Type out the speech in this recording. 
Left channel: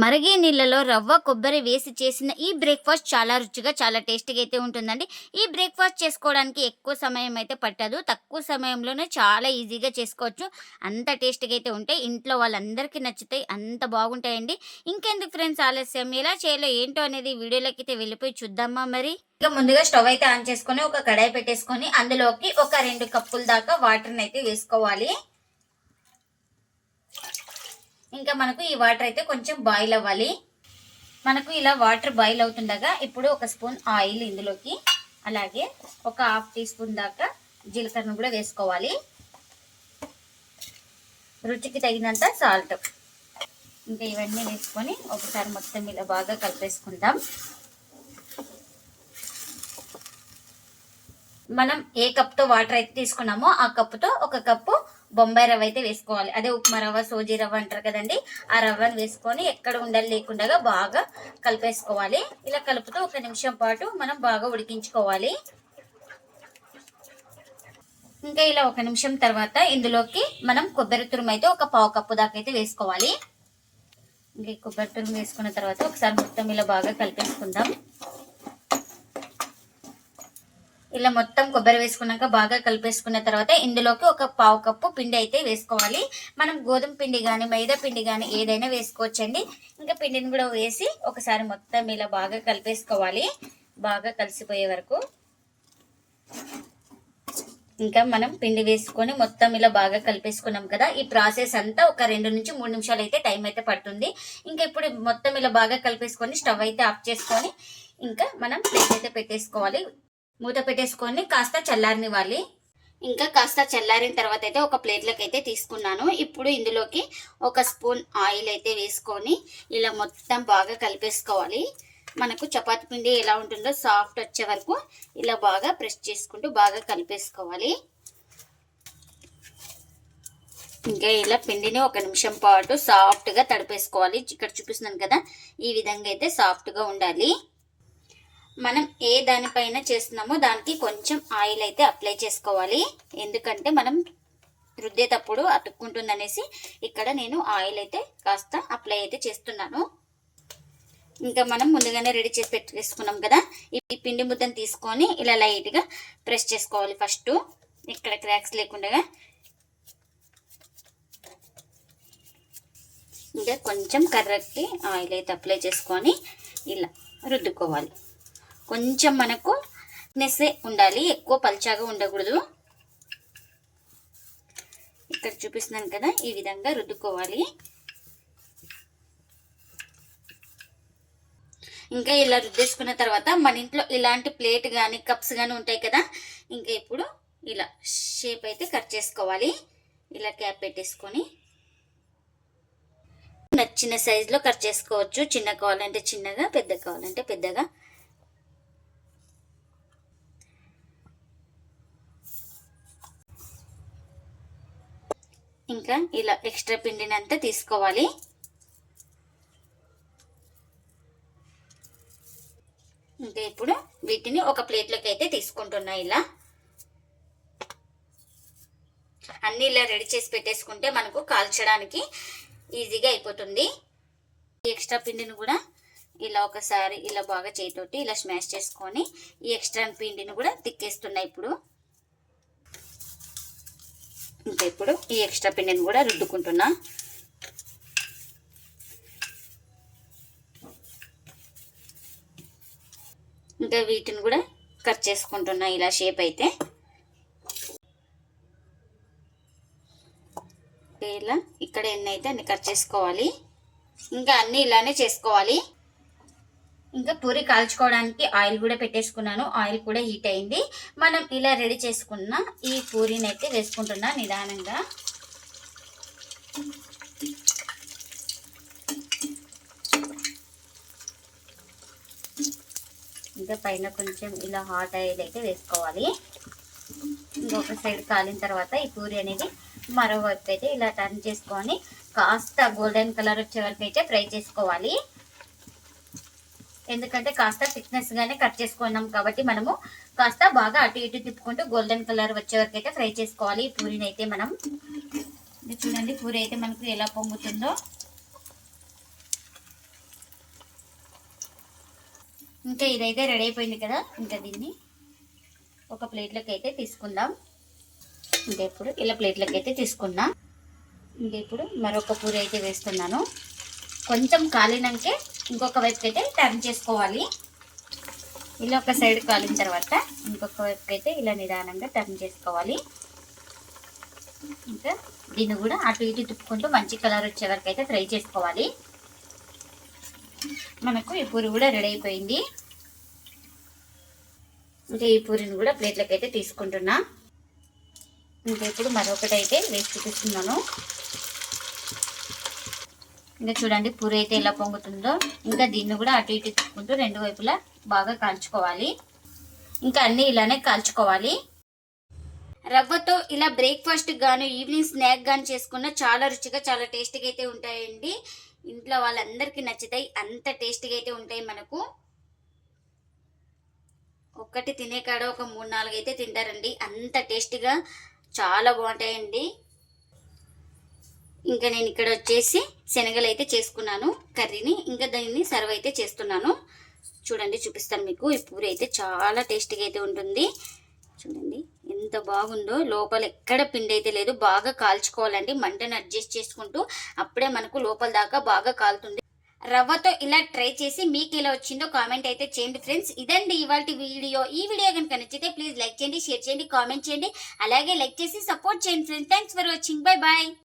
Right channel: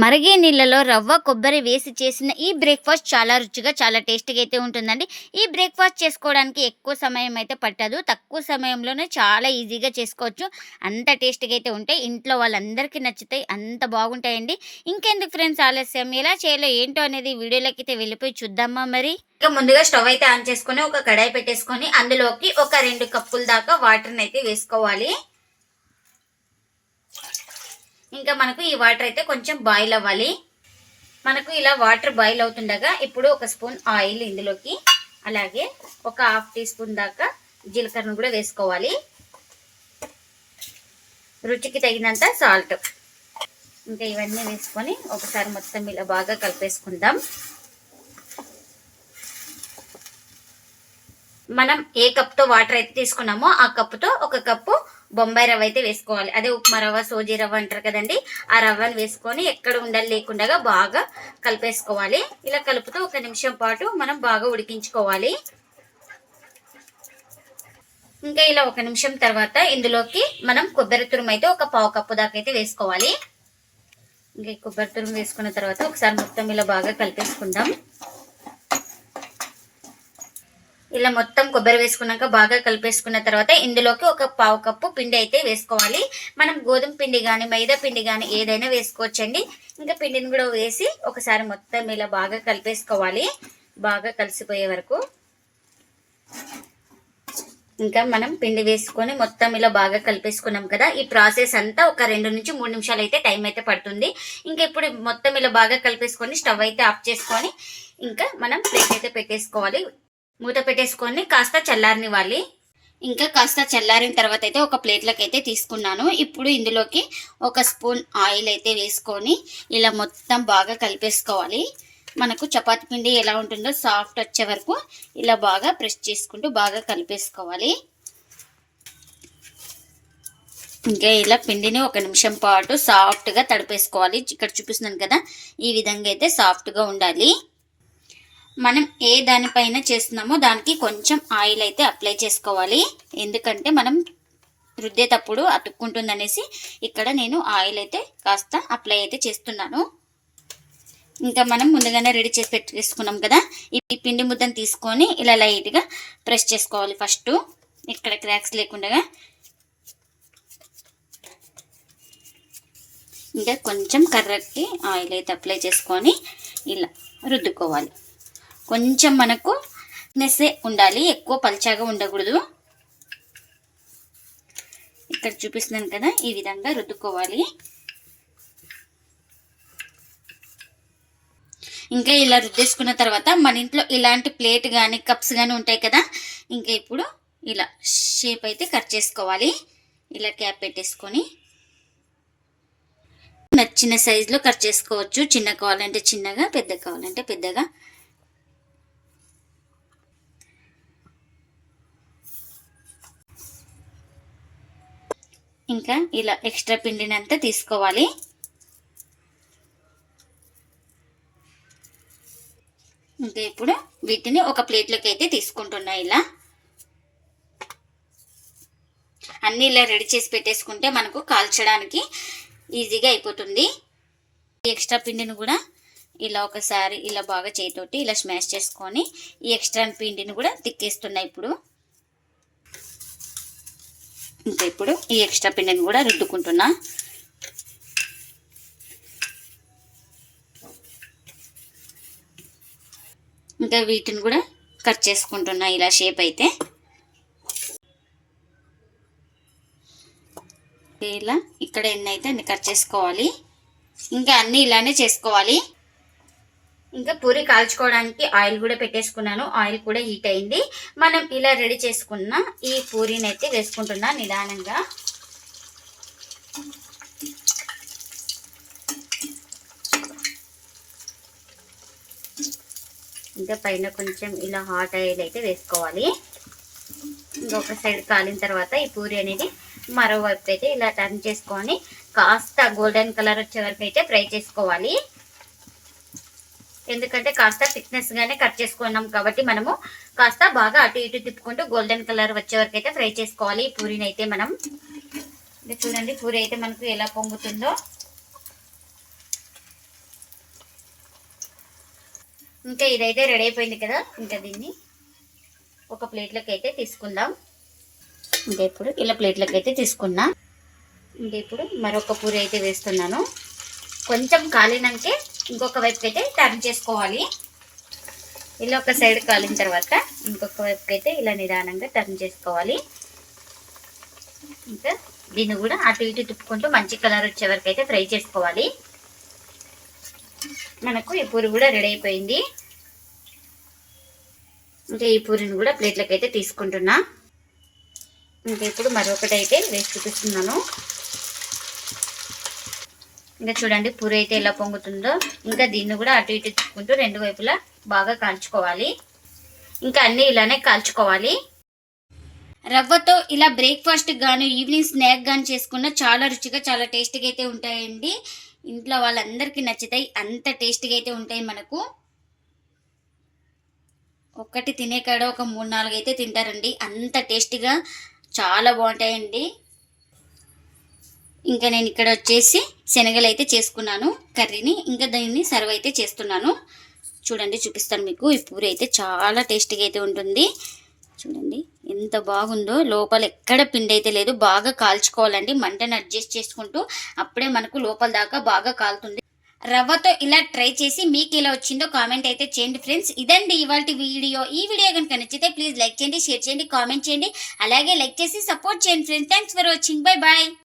మరిగే నీళ్ళలో రవ్వ, కొబ్బరి వేసి చేసిన ఈ బ్రేక్‌ఫాస్ట్ చాలా రుచిగా, చాలా టేస్టీగా అయితే ఉంటుందండి. ఈ బ్రేక్‌ఫాస్ట్ చేసుకోవడానికి ఎక్కువ సమయం అయితే పట్టదు. తక్కువ సమయంలోనే చాలా ఈజీగా చేసుకోవచ్చు. అంత టేస్టీగా అయితే ఉంటాయి. ఇంట్లో వాళ్ళందరికీ నచ్చుతాయి. అంత బాగుంటాయండి. ఇంకెందుకు ఫ్రెండ్స్ ఆలస్యం, ఎలా చేయాలో ఏంటో అనేది వీడియోలోకైతే వెళ్ళిపోయి చూద్దామా మరి? ఇక ముందుగా స్టవ్ అయితే ఆన్ చేసుకొని, ఒక కడాయి పెట్టేసుకొని, అందులోకి ఒక 2 కప్పుల దాకా వాటర్‌నైతే వేసుకోవాలి. ఇంకా మనకు ఈ వాటర్ అయితే కొంచెం బాయిల్ అవ్వాలి. మనకు ఇలా వాటర్ బాయిల్ అవుతుండగా ఇప్పుడు ఒక స్పూన్ ఆయిల్ ఇందులోకి, అలాగే ఒక హాఫ్ టీ స్పూన్ దాకా జీలకర్రను కూడా వేసుకోవాలి. రుచికి తగినంత సాల్ట్, ఇంకా ఇవన్నీ వేసుకొని ఒకసారి మొత్తం ఇలా బాగా కలిపేసుకుందాం. మనం ఏ కప్తో వాటర్ అయితే తీసుకున్నామో ఆ కప్పుతో ఒక కప్పు బొంబాయి రవ్వ అయితే వేసుకోవాలి. అదే ఉప్మా రవ్వ, సోజీ రవ్వ అంటారు కదండి, ఆ రవ్వను వేసుకొని ఎక్కడ ఉండలు లేకుండా బాగా కలిపేసుకోవాలి. ఇలా కలుపుతూ 1 నిమిషం పాటు మనం బాగా ఉడికించుకోవాలి. ఇంకా ఇలా 1 నిమిషం తర్వాత ఇందులోకి మనం కొబ్బరి తురుము అయితే ఒక పావు కప్పు దాకా అయితే వేసుకోవాలి. ఇంకా కొబ్బరి తురుము వేసుకున్న తర్వాత ఒకసారి మొత్తం ఇలా బాగా కలిపేసుకుందాం. ఇలా మొత్తం కొబ్బరి వేసుకున్నాక బాగా కలిపేసుకున్న తర్వాత ఇందులోకి ఒక పావు కప్పు పిండి అయితే వేసుకోవాలి. మనం గోధుమ పిండి కానీ మైదా పిండి కానీ ఏదైనా వేసుకోవచ్చండి. ఇంకా పిండిని కూడా వేసి ఒకసారి మొత్తం ఇలా బాగా కలిపేసుకోవాలి, బాగా కలిసిపోయే వరకు. ఇంకా మనం పిండి వేసుకొని మొత్తం ఇలా బాగా కలిపేసుకున్నాం కదా. ఈ ప్రాసెస్ అంతా ఒక 2 నుంచి 3 నిమిషాలు అయితే టైం అయితే పడుతుంది. ఇంకా ఇప్పుడు మొత్తం ఇలా బాగా కలిపేసుకొని స్టవ్ అయితే ఆఫ్ చేసుకొని ఇంకా మనం ప్లేట్ అయితే పెట్టేసుకోవాలి. మూత పెట్టేసుకొని కాస్త చల్లారనివ్వాలి. ఇంకా కాస్త చల్లారిన తర్వాత అయితే ఒక ప్లేట్లోకి అయితే తీసుకున్నాను. ఇప్పుడు ఇందులోకి ఒక స్పూన్ ఆయిల్ అయితే వేసుకొని ఇలా మొత్తం బాగా కలిపేసుకోవాలి. మనకు చపాతీ పిండి ఎలా ఉంటుందో సాఫ్ట్ వచ్చే వరకు ఇలా బాగా ప్రెస్ చేసుకుంటూ బాగా కలిపేసుకోవాలి. ఇంకా ఇలా పిండిని 1 నిమిషం పాటు సాఫ్ట్గా తడిపేసుకోవాలి. ఇక్కడ చూపిస్తున్నాను కదా, ఈ విధంగా అయితే సాఫ్ట్గా ఉండాలి. మనం ఏ దానిపైన చేస్తున్నామో దానికి కొంచెం ఆయిల్ అయితే అప్లై చేసుకోవాలి. ఎందుకంటే మనం రుద్దేటప్పుడు అతుక్కుంటుందనేసి ఇక్కడ నేను ఆయిల్ అయితే కాస్త అప్లై అయితే చేస్తున్నాను. ఇంకా మనం ముందుగానే రెడీ చేసి పెట్టేసుకున్నాం కదా, ఈ పిండి ముద్దను తీసుకొని ఇలా లైట్గా ప్రెస్ చేసుకోవాలి. ఫస్ట్ ఇక్కడ క్రాక్స్ లేకుండా ఇంకా కొంచెం కర్రకి ఆయిల్ అయితే అప్లై చేసుకొని ఇలా రుద్దుకోవాలి. కొంచెం మనకు థిక్నెస్ ఉండాలి, ఎక్కువ పల్చాగా ఉండకూడదు. ఇక్కడ చూపిస్తున్నాను కదా, ఈ విధంగా రుద్దుకోవాలి. ఇంకా ఇలా రుద్దేసుకున్న తర్వాత మన ఇంట్లో ఇలాంటి ప్లేట్ కానీ కప్స్ కానీ ఉంటాయి కదా, ఇంకా ఇప్పుడు ఇలా షేప్ అయితే కట్ చేసుకోవాలి. ఇలా క్యాప్ పెట్టేసుకొని నచ్చిన సైజులో కట్ చేసుకోవచ్చు. చిన్న కావాలంటే చిన్నగా, పెద్ద కావాలంటే పెద్దగా. ఇంకా ఇలా ఎక్స్ట్రా పిండిని అంతా తీసుకోవాలి. ఇంకా ఇప్పుడు వీటిని ఒక ప్లేట్లోకి అయితే తీసుకుంటున్నా. ఇలా అన్నీ ఇలా రెడీ చేసి పెట్టేసుకుంటే మనకు కాల్చడానికి ఈజీగా అయిపోతుంది. ఎక్స్ట్రా పిండిని కూడా ఇలా ఒకసారి ఇలా బాగా చేతితోటి ఇలా స్మాష్ చేసుకొని ఈ ఎక్స్ట్రా పిండిని కూడా తిక్కేస్తున్నా ఇప్పుడు. ఇంకా ఇప్పుడు ఈ ఎక్స్ట్రా పిండిని కూడా రుద్దుకుంటున్నా. ఇంకా వీటిని కూడా కట్ చేసుకుంటున్నా ఇలా షేప్ అయితే. ఇలా ఇక్కడ ఎన్ని అయితే అన్ని కట్ చేసుకోవాలి. ఇంకా అన్నీ ఇలానే చేసుకోవాలి. ఇంకా పూరి కాల్చుకోవడానికి ఆయిల్ కూడా పెట్టేసుకున్నాను. ఆయిల్ కూడా హీట్ అయింది. మనం ఇలా రెడీ చేసుకున్న ఈ పూరిని అయితే వేసుకుంటున్నా నిదానంగా. ఇంకా పైన కొంచెం ఇలా హాట్ ఆయిల్ అయితే వేసుకోవాలి. ఇంకొక సైడ్ కాలిన తర్వాత ఈ పూరి అనేది మరోవైపు అయితే ఇలా టర్న్ చేసుకొని కాస్త గోల్డెన్ కలర్ వచ్చే వరకు అయితే ఫ్రై చేసుకోవాలి. ఎందుకంటే కాస్త థిక్నెస్గానే కట్ చేసుకున్నాం కాబట్టి మనము కాస్త బాగా అటు ఇటు తిప్పుకుంటూ గోల్డెన్ కలర్ వచ్చే వరకు అయితే ఫ్రై చేసుకోవాలి ఈ పూరిని అయితే మనం. చూడండి పూరి అయితే మనకు ఎలా పొంగుతుందో. ఇంకా ఇదైతే రెడీ అయిపోయింది కదా, ఇంకా దీన్ని ఒక ప్లేట్లోకి అయితే తీసుకుందాం. ఇంకా ఇప్పుడు ఇలా ప్లేట్లోకి అయితే తీసుకున్నా. ఇంకా ఇప్పుడు మరొక పూరి అయితే వేస్తున్నాను. కొంచెం కాలినాకే ఇంకొక వైపుకి అయితే టర్న్ చేసుకోవాలి. ఇలా ఒక సైడ్ కాలిన తర్వాత ఇంకొక వైపుకి అయితే ఇలా నిదానంగా టర్న్ చేసుకోవాలి. ఇంకా దీన్ని కూడా అటు ఇటు తిప్పుకుంటూ మంచి కలర్ వచ్చే వరకు అయితే ఫ్రై చేసుకోవాలి. మనకు ఈ పూరి కూడా రెడీ అయిపోయింది. ఇంకా ఈ పూరిని కూడా ప్లేట్లోకి అయితే తీసుకుంటున్నా. ఇంకా ఇప్పుడు మరొకటి అయితే వేసి చూపిస్తున్నాను. ఇంకా చూడండి పూరి అయితే ఎలా పొంగుతుందో. ఇంకా దీన్ని కూడా అటు ఇటు తిప్పుకుంటూ రెండు వైపులా బాగా కాల్చుకోవాలి. ఇంకా అన్నీ ఇలానే కాల్చుకోవాలి. రవ్వతో ఇలా బ్రేక్ఫాస్ట్ గాను ఈవినింగ్ స్నాక్ గాను చేసుకున్న చాలా రుచిగా చాలా టేస్టీగా అయితే ఉంటాయండి. ఇంట్లో వాళ్ళందరికీ నచ్చుతాయి, అంత టేస్టీగా అయితే ఉంటాయి. మనకు ఒక్కటి తినే కాడ ఒక 3-4 అయితే తింటారండి, అంత టేస్టీగా చాలా బాగుంటాయండి. ఇంకా నేను ఇక్కడ వచ్చేసి శనగలు అయితే చేసుకున్నాను కర్రీని. ఇంకా దీన్ని సర్వ్ అయితే చేస్తున్నాను. చూడండి చూపిస్తాను మీకు. ఈ పూరి అయితే చాలా టేస్టీగా అయితే ఉంటుంది. చూడండి ఎంత బాగుందో. లోపల ఎక్కడ పిండి అయితే లేదు. బాగా కాల్చుకోవాలండి, మంటను అడ్జస్ట్ చేసుకుంటూ. అప్పుడే మనకు లోపల దాకా బాగా కాలుతుంది. రవ్వతో ఇలా ట్రై చేసి మీకు ఎలా వచ్చిందో కామెంట్ అయితే చేయండి ఫ్రెండ్స్. ఇదండి ఇవాల్టి వీడియో. ఈ వీడియో కనుక నచ్చితే ప్లీజ్ లైక్ చేయండి, షేర్ చేయండి, కామెంట్ చేయండి. అలాగే లైక్ చేసి సపోర్ట్ చేయండి friends. Thanks for watching. Bye bye.